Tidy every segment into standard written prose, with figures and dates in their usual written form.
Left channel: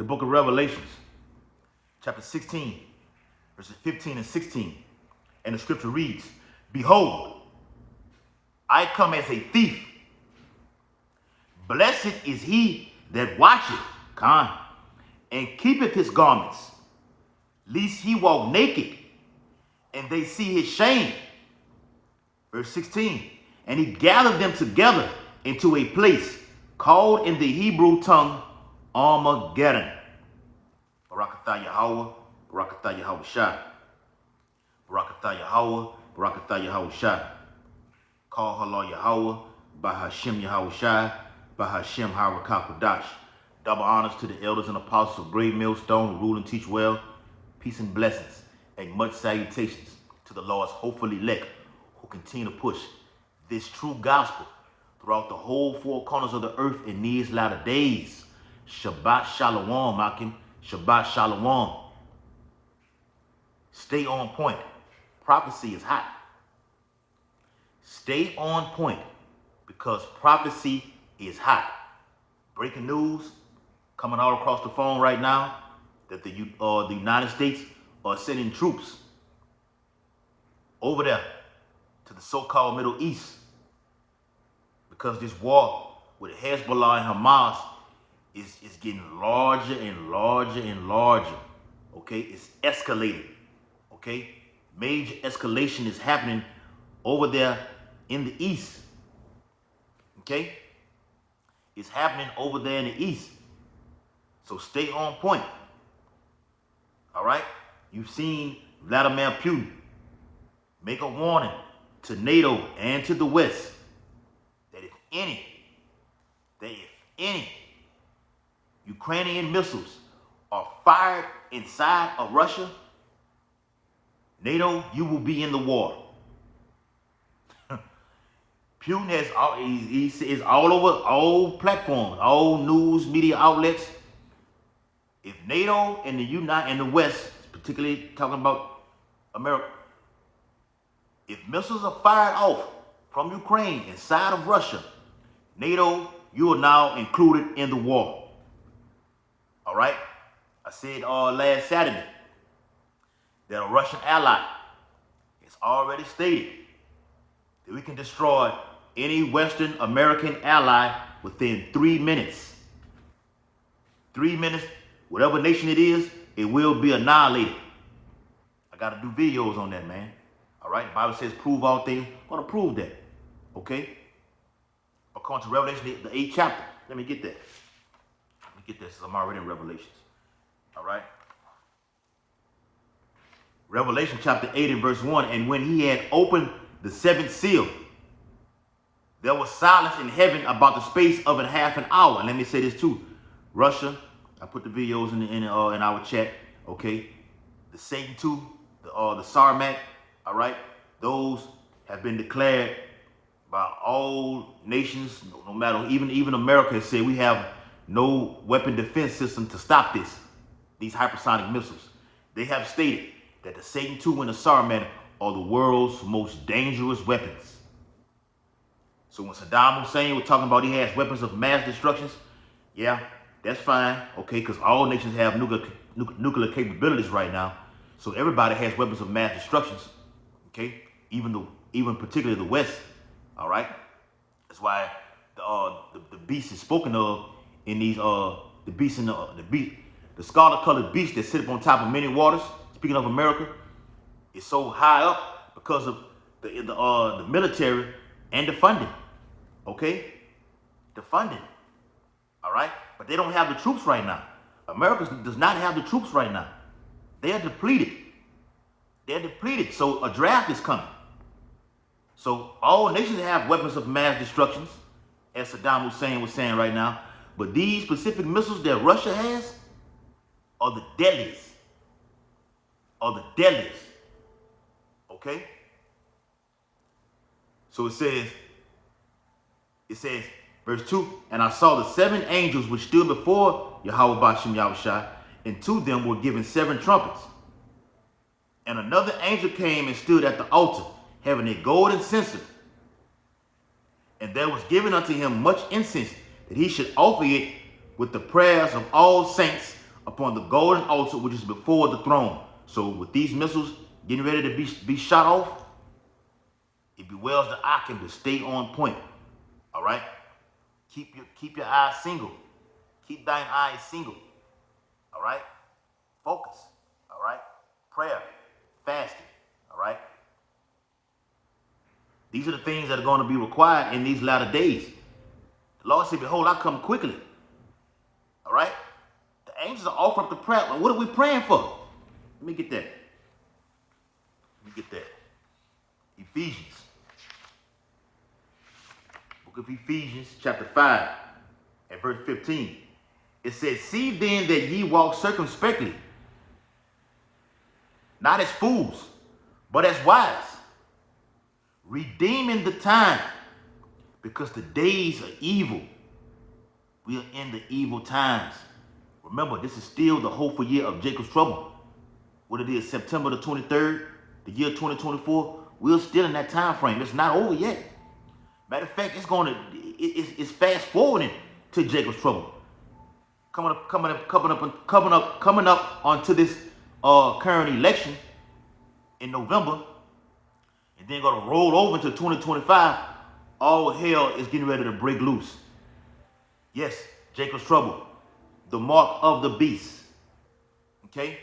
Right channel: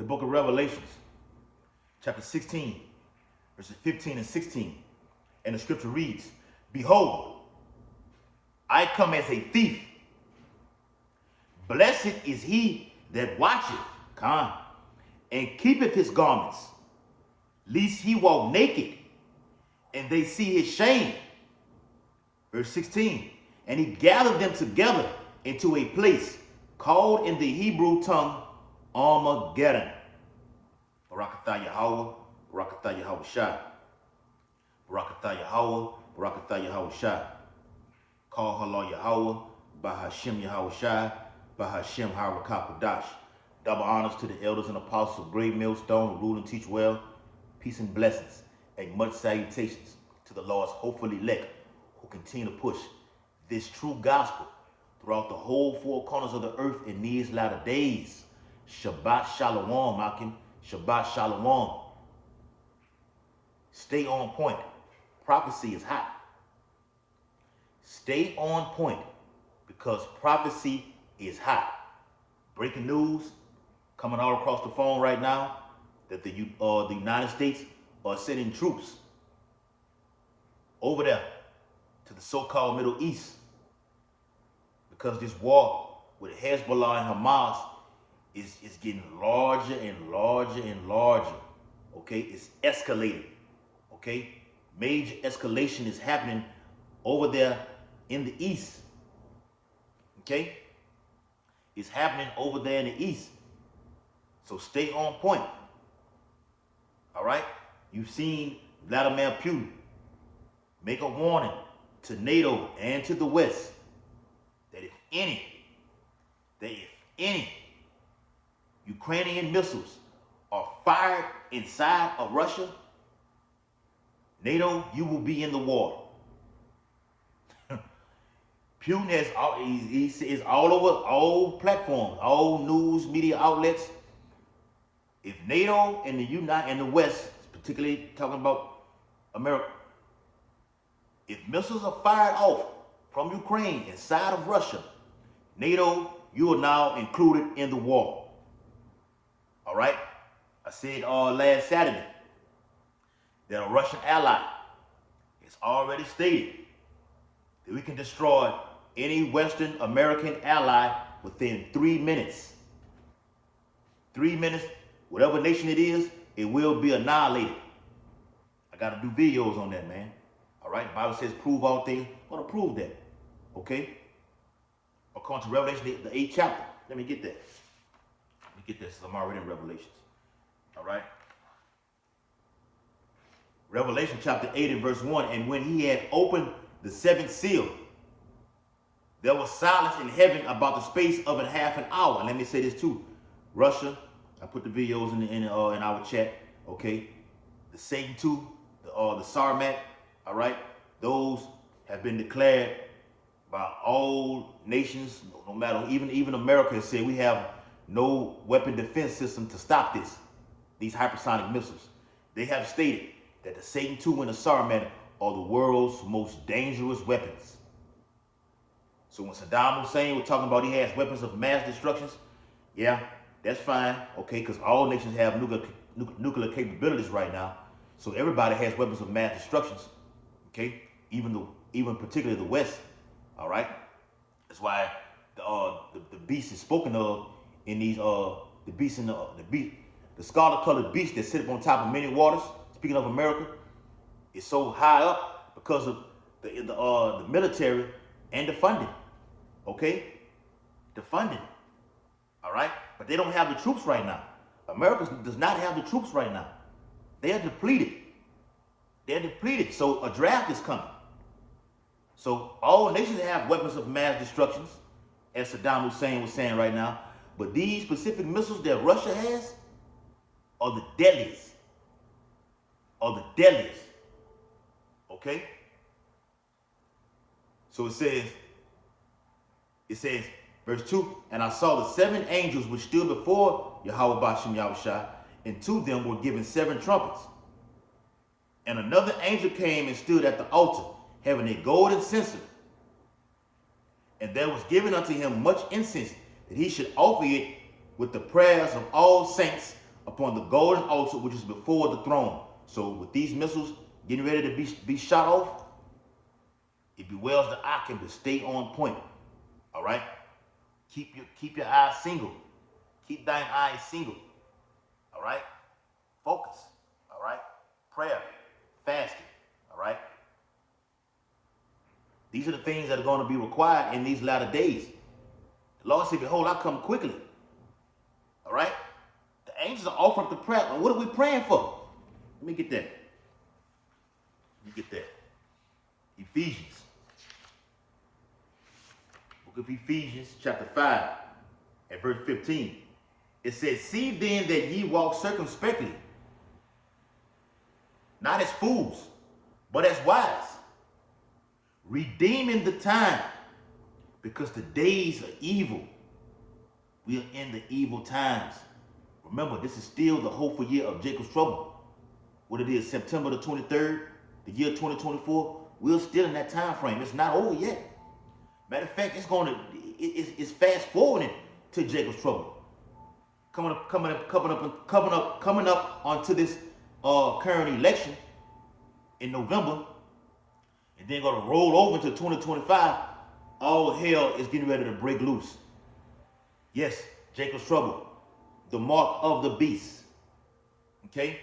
the book of Revelations, chapter 16, verses 15 and 16. And the scripture reads, "Behold, I come as a thief. Blessed is he that watcheth, and keepeth his garments, lest he walk naked, and they see his shame." Verse 16, "And he gathered them together into a place called in the Hebrew tongue Armageddon." Barakatah Yahweh, Barakatah Yahweh Shai. Barakatah Yahweh, Barakatah Yahweh Shai. Call Halal Yahweh, Bahashem Yahweh Shai, Bahashem Harakah Kodash. Double honors to the elders and apostles of Great Millstone who rule and teach well. Peace and blessings, and much salutations to the Lord's hopeful elect who continue to push this true gospel throughout the whole four corners of the earth in these latter days. Shabbat Shalom, Akim. Shabbat Shalom. Stay on point. Prophecy is hot. Stay on point because prophecy is hot. Breaking news coming all across the phone right now that the United States are sending troops over there to the so-called Middle East because this war with Hezbollah and Hamas is getting larger and larger and larger. Okay, it's escalating. Okay, major escalation is happening over there in the east. Okay, it's happening over there in the east. So stay on point. All right, you've seen Vladimir Putin make a warning to NATO and to the West that if any Ukrainian missiles are fired inside of Russia, NATO, you will be in the war. Putin is all over all platforms, all news media outlets. If NATO and the West, particularly talking about America, if missiles are fired off from Ukraine inside of Russia, NATO, you are now included in the war. All right? I said last Saturday that a Russian ally has already stated that we can destroy any Western American ally within 3 minutes. 3 minutes, whatever nation it is, it will be annihilated. I got to do videos on that, man. All right? The Bible says prove all things. I'm going to prove that. Okay? According to Revelation, the 8th chapter. Let me get that. Let me get this. I'm already in Revelations. All right? Revelation chapter 8 and verse 1. "And when he had opened the seventh seal, there was silence in heaven about the space of half an hour." And let me say this too. Russia, I put the videos in our chat. Okay? The Satan II, the Sarmat, all right? Those have been declared by all nations, no matter, even America has said we have no weapon defense system to stop these hypersonic missiles. They have stated that the Satan II and the Sarmat are the world's most dangerous weapons. So when Saddam Hussein was talking about he has weapons of mass destruction, yeah, that's fine, okay, because all nations have nuclear capabilities right now. So everybody has weapons of mass destruction, okay, even particularly the West, all right? That's why the beast is spoken of in these the beast in the scarlet-colored beast that sit up on top of many waters. Speaking of America, is so high up because of the military and the funding. Okay? The funding. All right? But they don't have the troops right now. America does not have the troops right now. They are depleted. They're depleted. So a draft is coming. So all nations have weapons of mass destruction, as Saddam Hussein was saying right now. But these specific missiles that Russia has are the deadliest. Okay? So it says, verse 2, "And I saw the 7 angels which stood before Yahweh Bashem Yahushua, and to them were given 7 trumpets. And another angel came and stood at the altar, having a golden censer. And there was given unto him much incense, that he should offer it with the prayers of all saints upon the golden altar which is before the throne. So with these missiles getting ready to be shot off, it bewells the Akim to stay on point. All right? Keep your eyes single. Keep thine eyes single. All right? Focus. All right? Prayer. Fasting. All right? These are the things that are going to be required in these latter days. The Lord said, behold, I come quickly. All right? The angels are offering up the prayer. What are we praying for? Let me get that. Ephesians. Book of Ephesians, chapter 5, at verse 15. It says, see then that ye walk circumspectly, not as fools, but as wise, redeeming the time, because the days are evil. We are in the evil times. Remember, this is still the hopeful year of Jacob's trouble. What it is, September the 23rd, the year 2024. We're still in that time frame. It's not over yet. Matter of fact, it's fast forwarding to Jacob's trouble. Coming up onto this current election in November, and then going to roll over into 2025. All hell is getting ready to break loose. Yes, Jacob's trouble, the mark of the beast. Okay,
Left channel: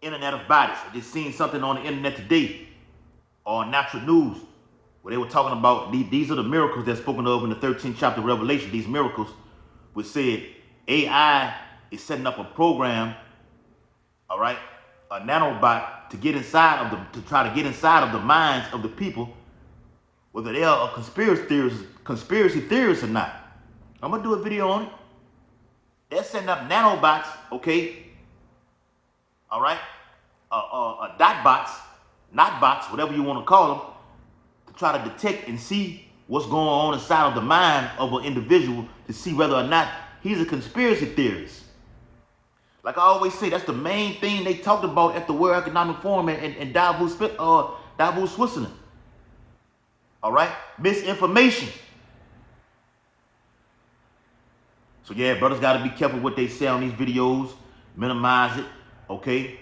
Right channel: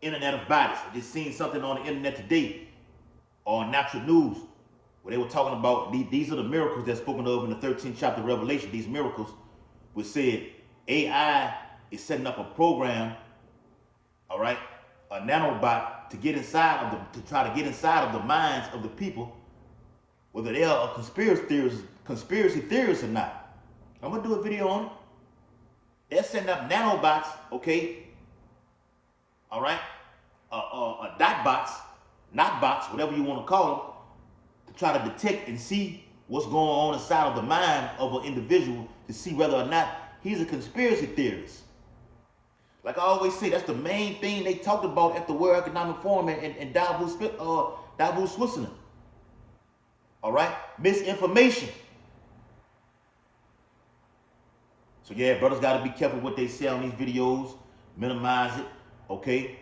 Internet of bodies. I just seen something on the internet today, on Natural News, where they were talking about these are the miracles that's spoken of in the 13th chapter of Revelation. These miracles, which said AI is setting up a program, all right, a nanobot to try to get inside of the minds of the people, whether they are conspiracy theorists or not. I'm gonna do a video on it. They're setting up nanobots, okay, all right, dot bots, not bots, whatever you want to call them, to try to detect and see what's going on inside of the mind of an individual to see whether or not he's a conspiracy theorist. Like I always say, that's the main thing they talked about at the World Economic Forum in Davos, Switzerland. All right? Misinformation. So yeah, brothers got to be careful what they say on these videos. Minimize it, okay?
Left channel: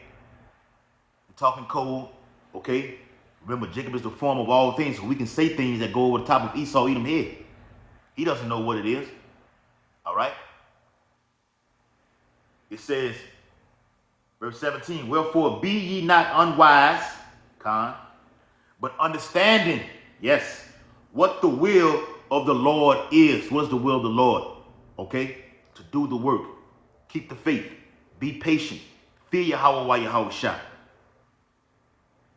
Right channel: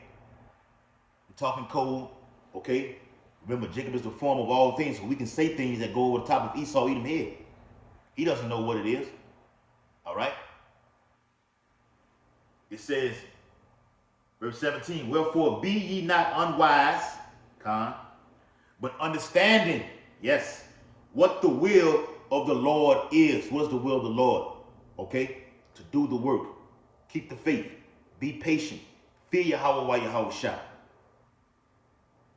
We're talking code, okay? Remember, Jacob is the form of all things, so we can say things that go over the top of Esau, Edom head. He doesn't know what it is, all right? It says, verse 17, wherefore be ye not unwise, but understanding, yes, what the will of the Lord is. What's the will of the Lord? Okay? To do the work. Keep the faith. Be patient. Fear Yahweh while Yahweh shot.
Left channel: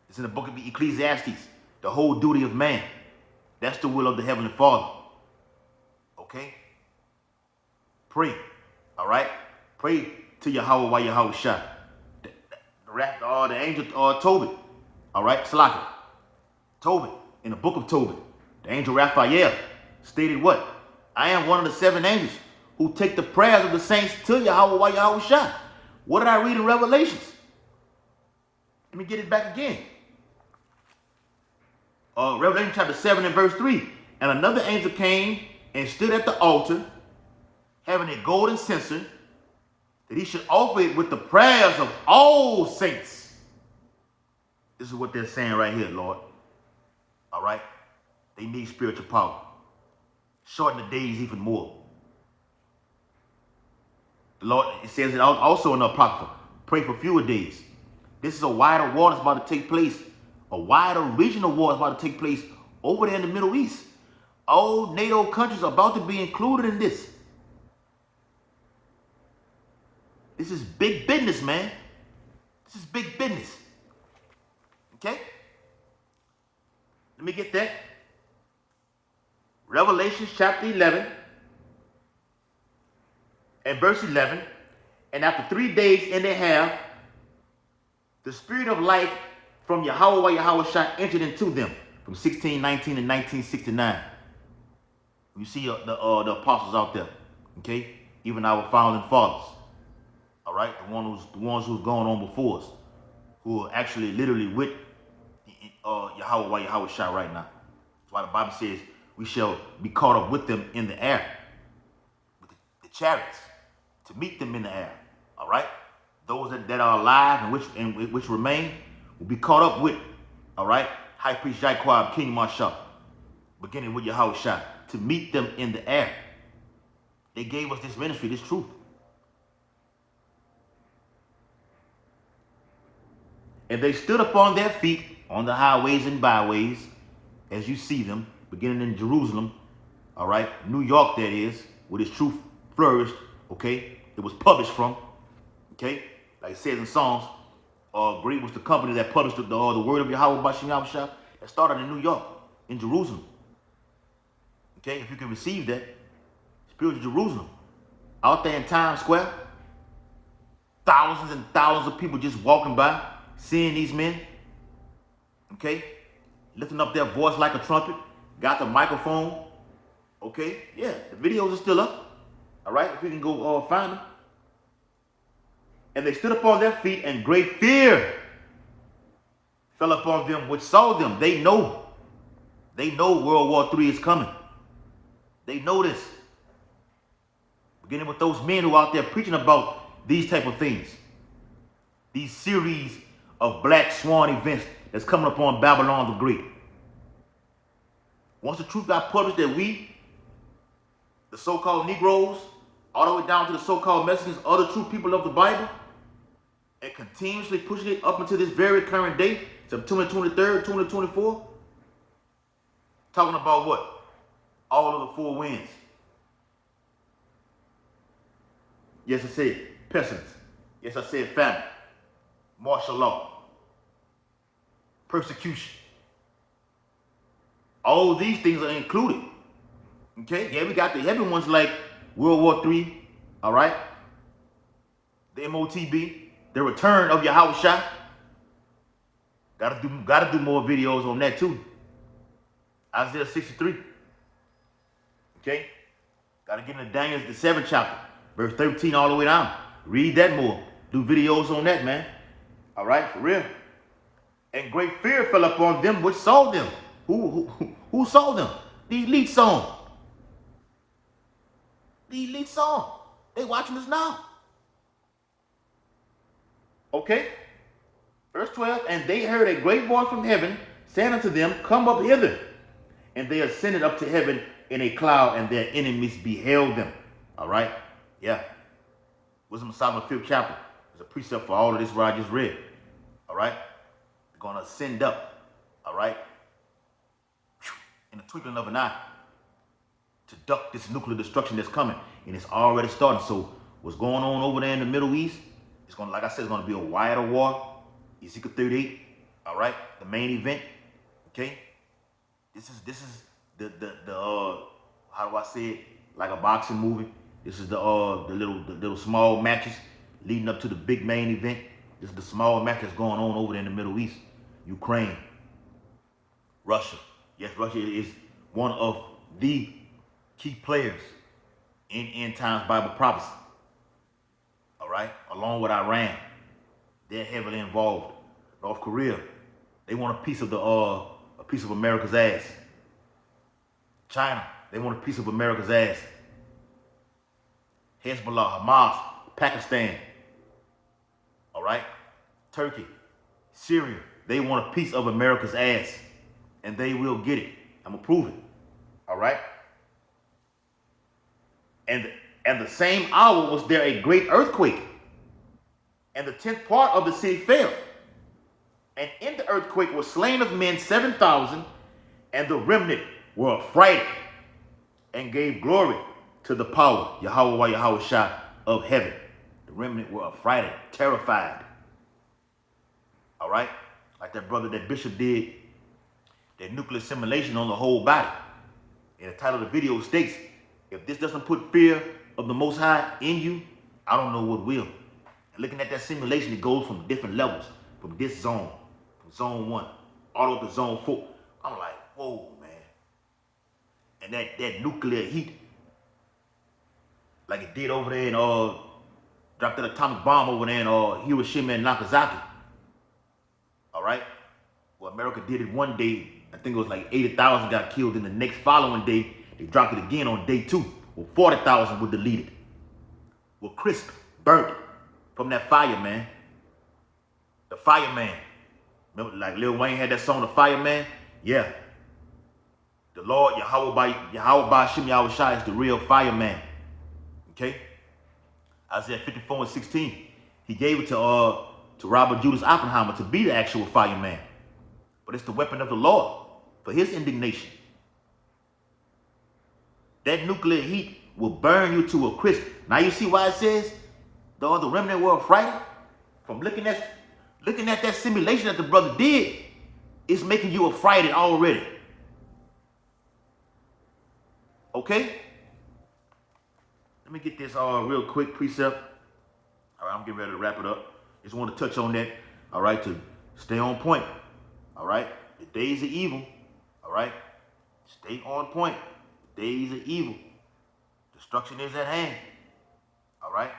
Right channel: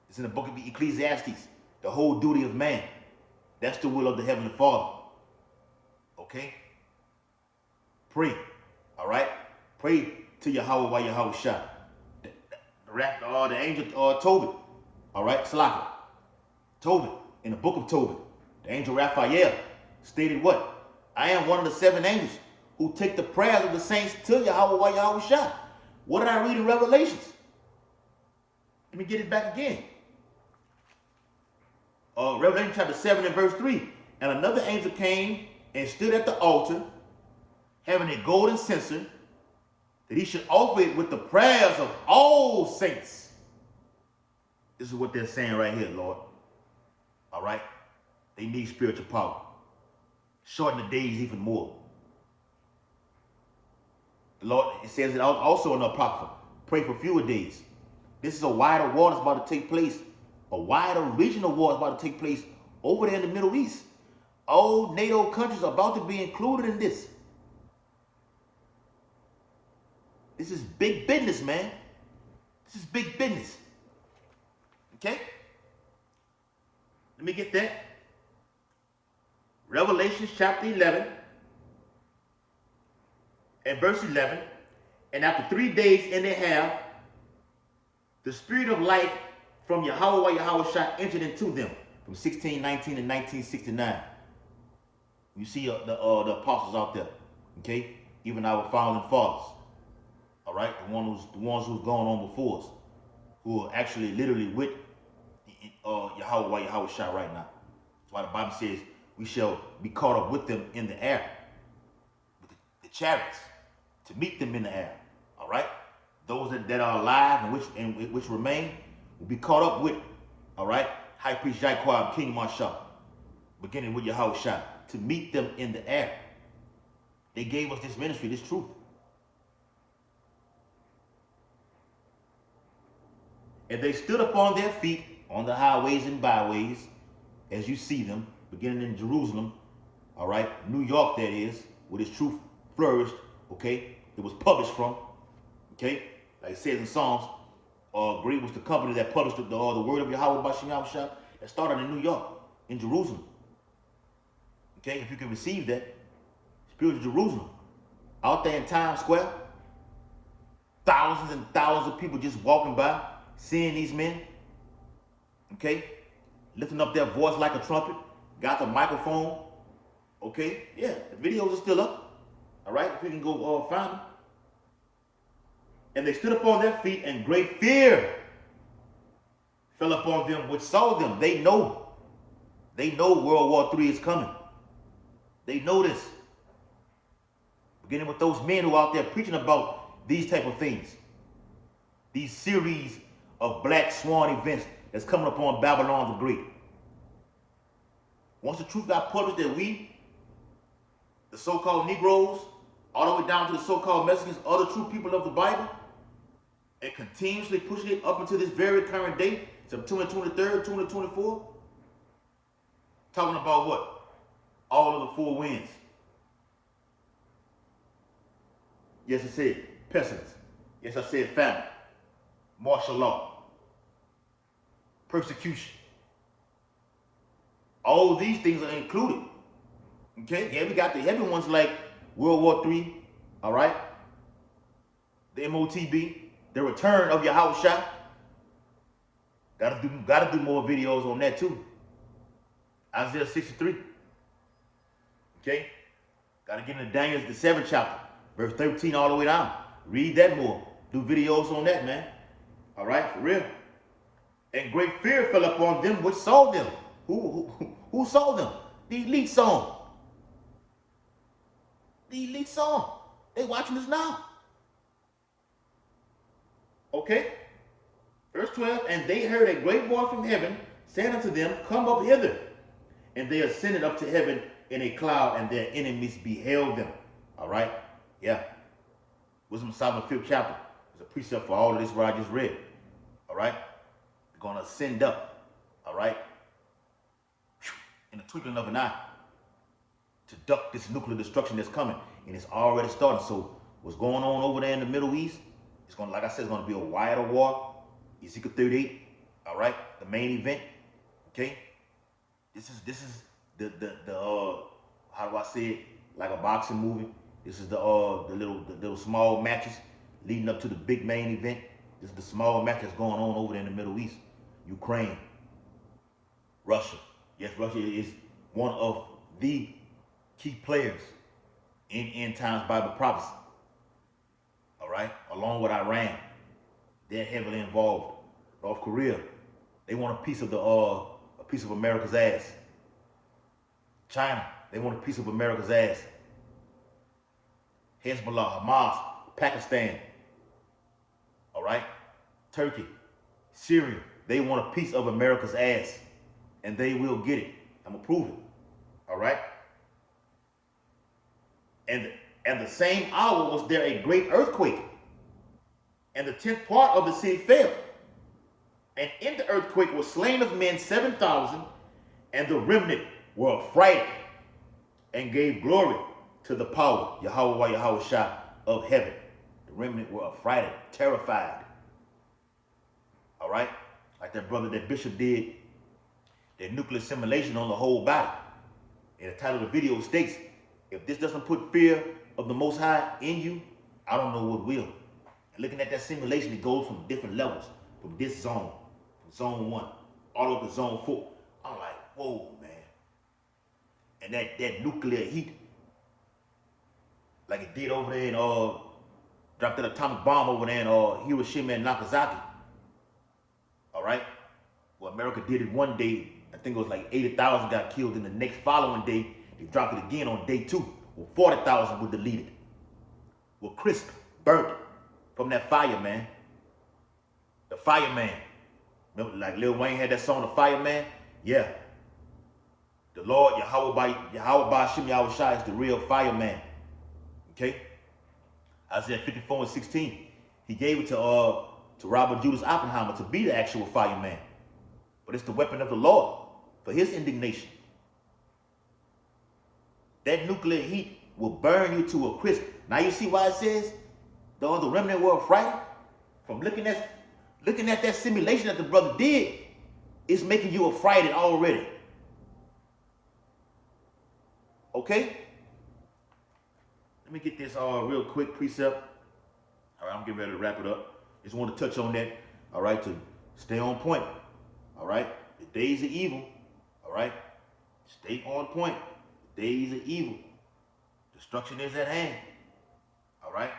It's in the book of Ecclesiastes. The whole duty of man. That's the will of the Heavenly Father. Okay? Pray. All right? Pray to Yahweh while Yahweh shot. The angel Tobit. All right? Salaka. Tobit. In the book of Tobit. The angel Raphael stated what? I am one of the 7 angels who take the prayers of the saints to Yahweh while Yahweh shot. What did I read in Revelations? Let me get it back again. Revelation chapter 7 and verse 3. And another angel came and stood at the altar, having a golden censer, that he should offer it with the prayers of all saints. This is what they're saying right here, Lord. All right? They need spiritual power. Shorten the days even more. The Lord, it says it also in the Apocrypha, pray for fewer days. This is a wider war that's about to take place. A wider regional war is about to take place over there in the Middle East. All NATO countries are about to be included in this. This is big business, man. This is big business. Okay? Let me get that. Revelation chapter 11 and verse 11. And after 3 days and a half, the spirit of life from Yahweh Yahweh entered into them from 1619 and 1969. You see the apostles out there, okay? Even our founding fathers, all right? The ones who's gone on before us, who are actually literally with Yahweh Yahweh right now. That's why the Bible says we shall be caught up with them in the air, with the chariots, to meet them in the air, all right? those that are alive and which remain will be caught up with, all right, High Priest Jaquab, King Marshall, beginning with Yahushua, to meet them in the air. They gave us this ministry, this truth. And they stood upon their feet on the highways and byways, as you see them, beginning in Jerusalem, all right, New York, that is, where this truth flourished, okay? It was published from, okay? Like it says in Psalms, great was the company that published the word of Yahweh by Shem Yahushua that started in New York, in Jerusalem. Okay, if you can receive that, spiritual Jerusalem, out there in Times Square, thousands and thousands of people just walking by, seeing these men, okay, lifting up their voice like a trumpet, got the microphone, okay, yeah, the videos are still up, all right, if you can go find them. And they stood upon their feet, and great fear fell upon them which saw them. They know World War III is coming. They know this. Beginning with those men who are out there preaching about these type of things. These series of black swan events that's coming upon Babylon the Great. Once the truth got published that we, the so-called Negroes, all the way down to the so-called Mexicans, other true people of the Bible, and continuously pushing it up until this very current day, September 23rd, 2024, talking about what? All of the four winds. Yes, I said pestilence. Yes, I said famine, martial law, persecution. All these things are included. Okay? Yeah, we got the heavy ones like World War III, all right? The MOTB, the return of Yahushua. Gotta do more videos on that too. Isaiah 63. Okay? Gotta get into Daniel, the 7th chapter, verse 13 all the way down. Read that more. Do videos on that, man. All right, for real. And great fear fell upon them which saw them. Who saw them? The elite song. The elite song. They watching us now. Okay? Verse 12, and they heard a great voice from heaven saying unto them, come up hither. And they ascended up to heaven in a cloud, and their enemies beheld them. All right? Yeah. Wisdom of Solomon, 5th chapter. There's a precept for all of this where I just read. All right? They're going to ascend up. All right? In the twinkling of an eye. To duck this nuclear destruction that's coming. And it's already starting. So what's going on over there in the Middle East, it's going to, like I said, it's going to be a wider war. Ezekiel 38. All right? The main event. Okay? This is the how do I say it? Like a boxing movie. This is the little small matches leading up to the big main event. This is the small match that's going on over there in the Middle East. Ukraine, Russia. Yes, Russia is one of the key players in end times Bible prophecy. All right, along with Iran, they're heavily involved. North Korea, they want a piece of America's ass. China, they want a piece of America's ass. Hezbollah, Hamas, Pakistan, all right? Turkey, Syria, they want a piece of America's ass, and they will get it. I'm gonna prove it, all right? And the same hour was there a great earthquake, and the 10th part of the city fell. And in the earthquake were slain of men 7,000, and the remnant were affrighted and gave glory to the power, Yahweh Yahushua of heaven. The remnant were affrighted, terrified. All right? Like that brother, that bishop did that nuclear simulation on the whole body. And the title of the video states, if this doesn't put fear of the Most High in you, I don't know what will. And looking at that simulation, it goes from different levels, from this zone, from zone 1, all the way to zone 4. I'm like, whoa, man. And that nuclear heat, like it did over there and dropped that atomic bomb over there in Hiroshima and Nagasaki. All right? Well, America did it one day. I think it was like 80,000 got killed. And the next following day, they dropped it again on day 2. Well, 40,000 were deleted. Well, crisp, burnt from that fire, man. The fireman. Remember, like Lil Wayne had that song, The Fireman? Yeah. The Lord, Yahweh Shem Yahweh Shai is the real fireman. Okay? Isaiah 54:16. He gave it to Robert Judas Oppenheimer to be the actual fireman. But it's the weapon of the Lord for his indignation. That nuclear heat will burn you to a crisp. Now you see why it says the remnant were frightened? From looking at that simulation that the brother did, it's making you affrighted already. Okay? Let me get this real quick precept. All right, I'm getting ready to wrap it up. Just want to touch on that, all right, to stay on point. All right? The days of evil, all right? Stay on point. The days of evil. Destruction is at hand. All right?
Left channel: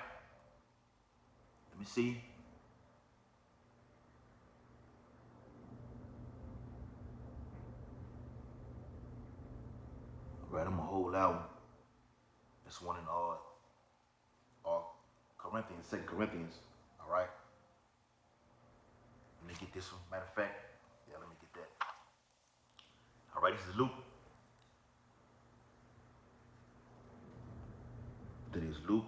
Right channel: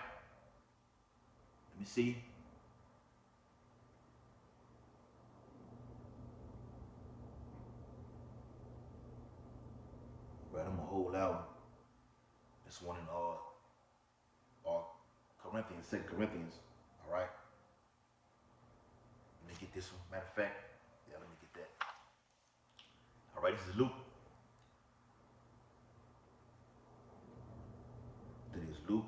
Let me see. All right, I'm going to hold that one. This one in Corinthians, 2 Corinthians. All right? Let me get this one. Matter of fact, yeah, let me get that. All right, this is Luke. That is Luke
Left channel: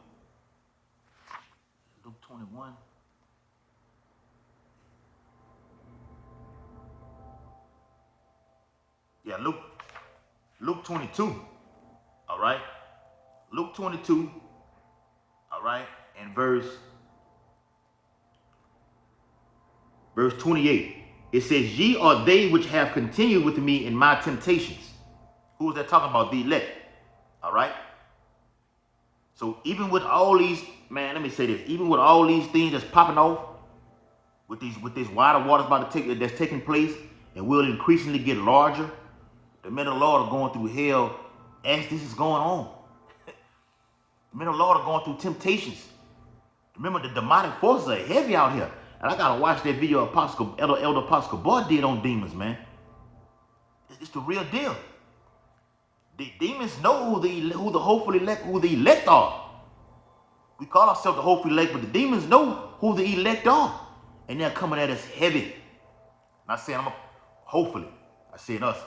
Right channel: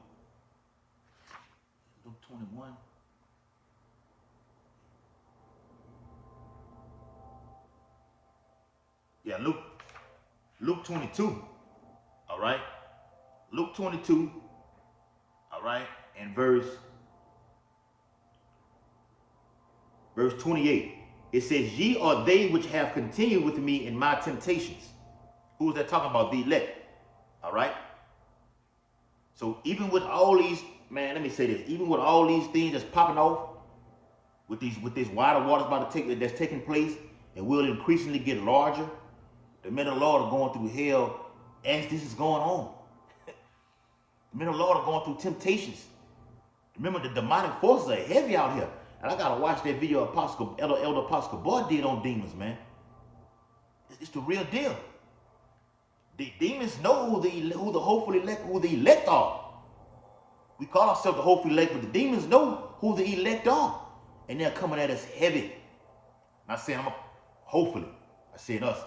21. Yeah, Luke 22. All right. Luke 22. All right. And verse 28. It says, ye are they which have continued with me in my temptations. Who is that talking about? The elect. All right. So even with all these, man, let me say this. Even with all these things that's popping off, with this wider waters that's taking place, and will increasingly get larger, the men of the Lord are going through hell as this is going on. The men of the Lord are going through temptations. Remember, the demonic forces are heavy out here. And I gotta watch that video Elder Apostle Boy did on demons, man. It's the real deal. The demons know who the hopeful elect, who the elect are. We call ourselves the hopeful elect, but the demons know who the elect are. And they're coming at us heavy. I'm not saying hopefully. I said us.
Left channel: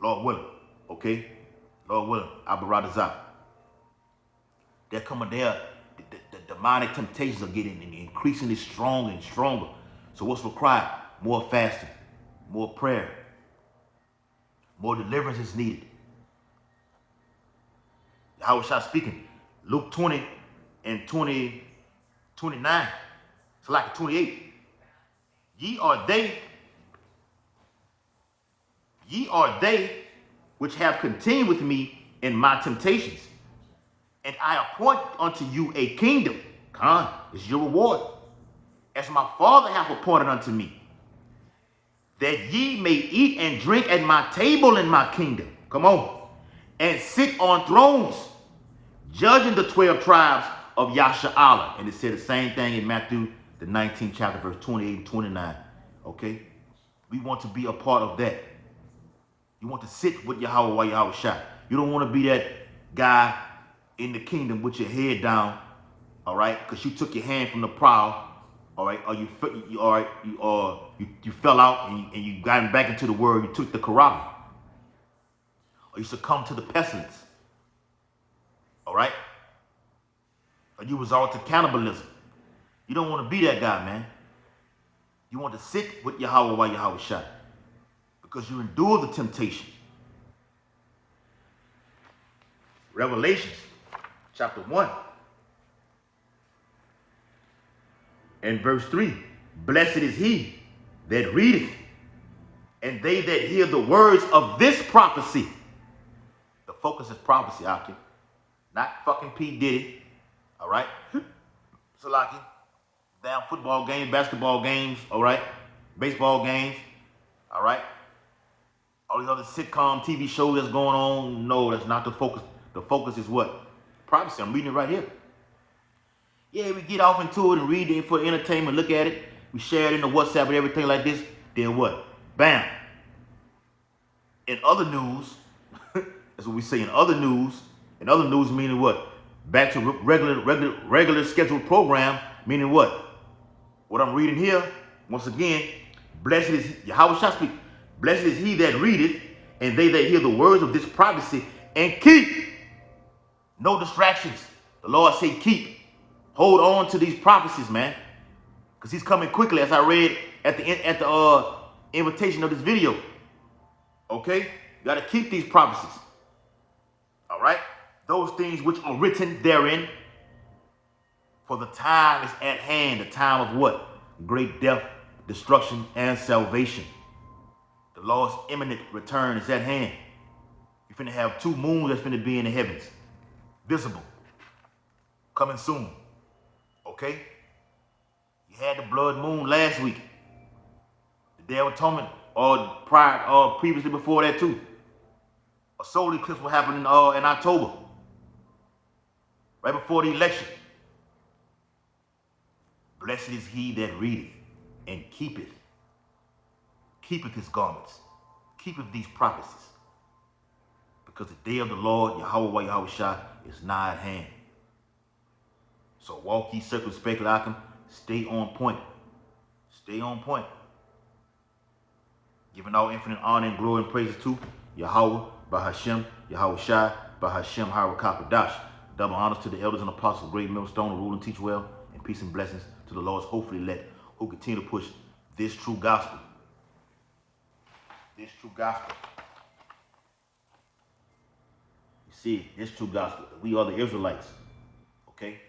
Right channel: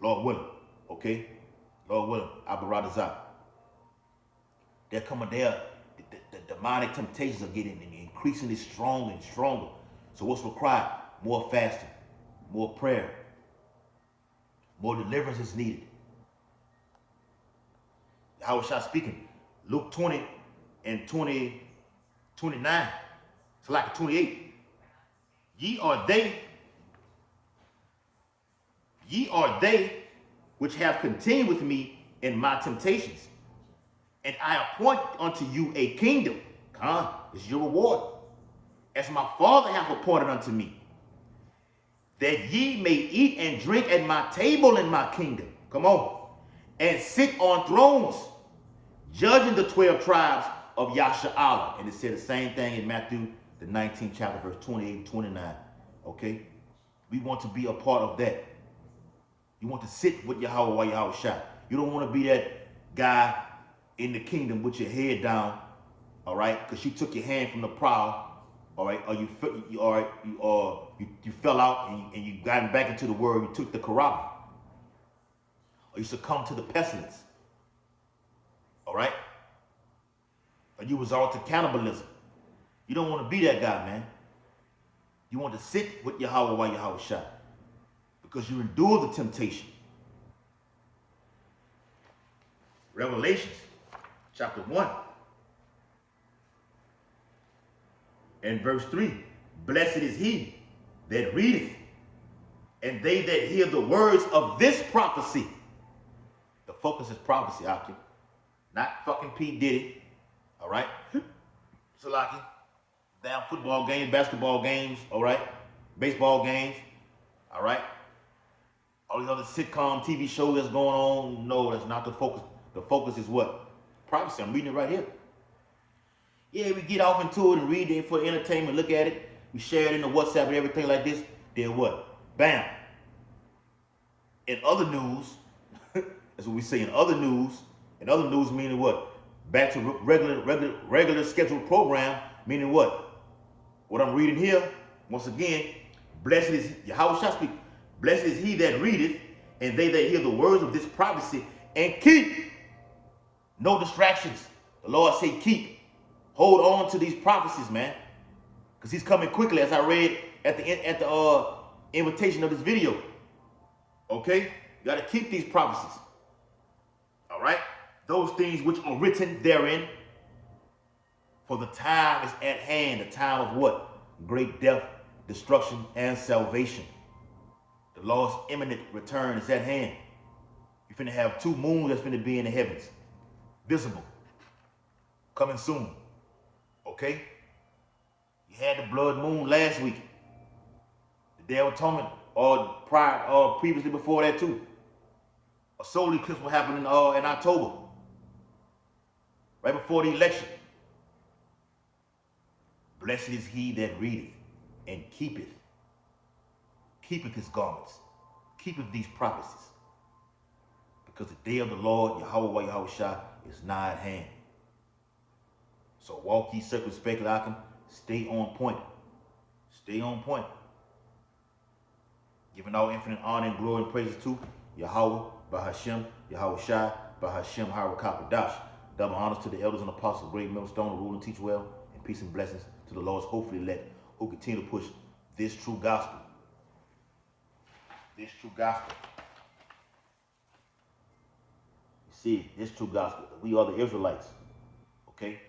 Lord willing. Okay? Lord willing. Abaradazah. They're coming there. The demonic temptations are getting increasingly strong and stronger. So what's required? More fasting. More prayer. More deliverance is needed. How was I speaking? Luke 20 and 29. It's like 28. Ye are they which have continued with me in my temptations. And I appoint unto you a kingdom. Khan is your reward. As my Father hath appointed unto me. That ye may eat and drink at my table in my kingdom. Come on. And sit on thrones, judging the 12 tribes of Yasha'Allah. And it said the same thing in Matthew, the 19th chapter, verse 28 and 29. Okay? We want to be a part of that. You want to sit with Yahweh while Yahweh Shai. You don't want to be that guy in the kingdom with your head down, all right? Because you took your hand from the plow, all right? Or you fell out and you got back into the word. You took the Quran, or you succumbed to the pestilence, all right? Or you resort to cannibalism. You don't want to be that guy, man. You want to sit with Yahweh while Yahweh Shai, because you endure the temptation. Revelations chapter 1 and verse 3. Blessed is he that readeth, and they that hear the words of this prophecy. The focus is prophecy, Akim. Not fucking P. Diddy. All right? Salaki. Damn football games, basketball games, all right? Baseball games, all right? All these other sitcom TV shows that's going on. No, that's not the focus. The focus is what? Prophecy. I'm reading it right here. Yeah, we get off into it and read it for entertainment, look at it. We share it in the WhatsApp and everything like this. Then what? Bam. In other news, that's what we say in other news. In other news meaning what? Back to regular scheduled program. Meaning what? What I'm reading here, once again, blessed is Yahweh shall speak. Blessed is he that readeth, and they that hear the words of this prophecy, and keep. No distractions. The Lord say keep. Hold on to these prophecies, man. Because he's coming quickly, as I read at the invitation of this video. Okay? You got to keep these prophecies. All right? Those things which are written therein. For the time is at hand. The time of what? Great death, destruction, and salvation. The Lord's imminent return is at hand. You're finna have 2 moons that's finna be in the heavens. Visible. Coming soon. Okay? You had the blood moon last week. The Day of Atonement, or previously before that too. A solar eclipse will happen in October. Right before the election. Blessed is he that readeth and keepeth his garments, keepeth these prophecies. Because the day of the Lord, Yahweh Yahushua, is nigh at hand. So walk ye circumspectly, stay on point. Stay on point. Giving all infinite honor and glory and praises to Yahweh, Bahashem, Yahushua, Bahashem, Harakapadash. Double honors to the elders and apostles, great millstone, rule and teach well, and peace and blessings to the Lord's hopefully elect, who continue to push this true gospel. This true gospel. You see, this true gospel. We are the Israelites. Okay?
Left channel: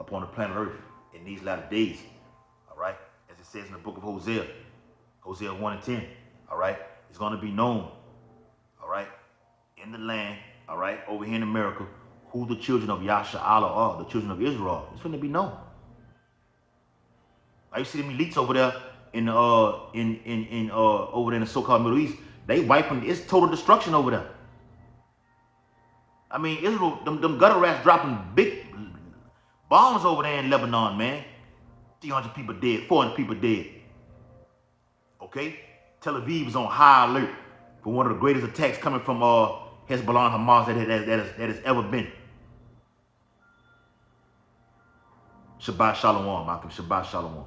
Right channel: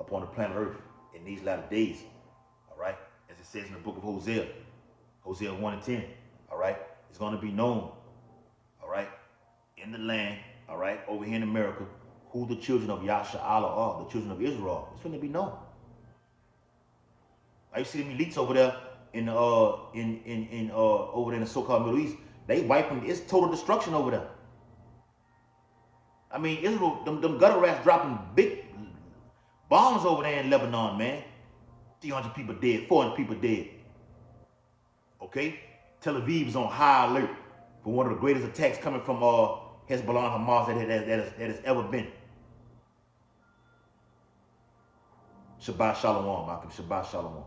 Upon the planet Earth in these latter days. All right? As it says in the book of Hosea. Hosea 1 and 10. All right? It's going to be known. All right? In the land. All right? Over here in America. Who the children of Yasha'Allah are. The children of Israel. It's going to be known. I see them elites over there over there in the so-called Middle East. They wiping. It's total destruction over there. I mean, Israel, them gutter rats dropping big bombs over there in Lebanon, man. 300 people dead, 400 people dead. Okay? Tel Aviv is on high alert for one of the greatest attacks coming from Hezbollah and Hamas that has ever been. Shabbat Shalom, Malcolm. Shabbat Shalom.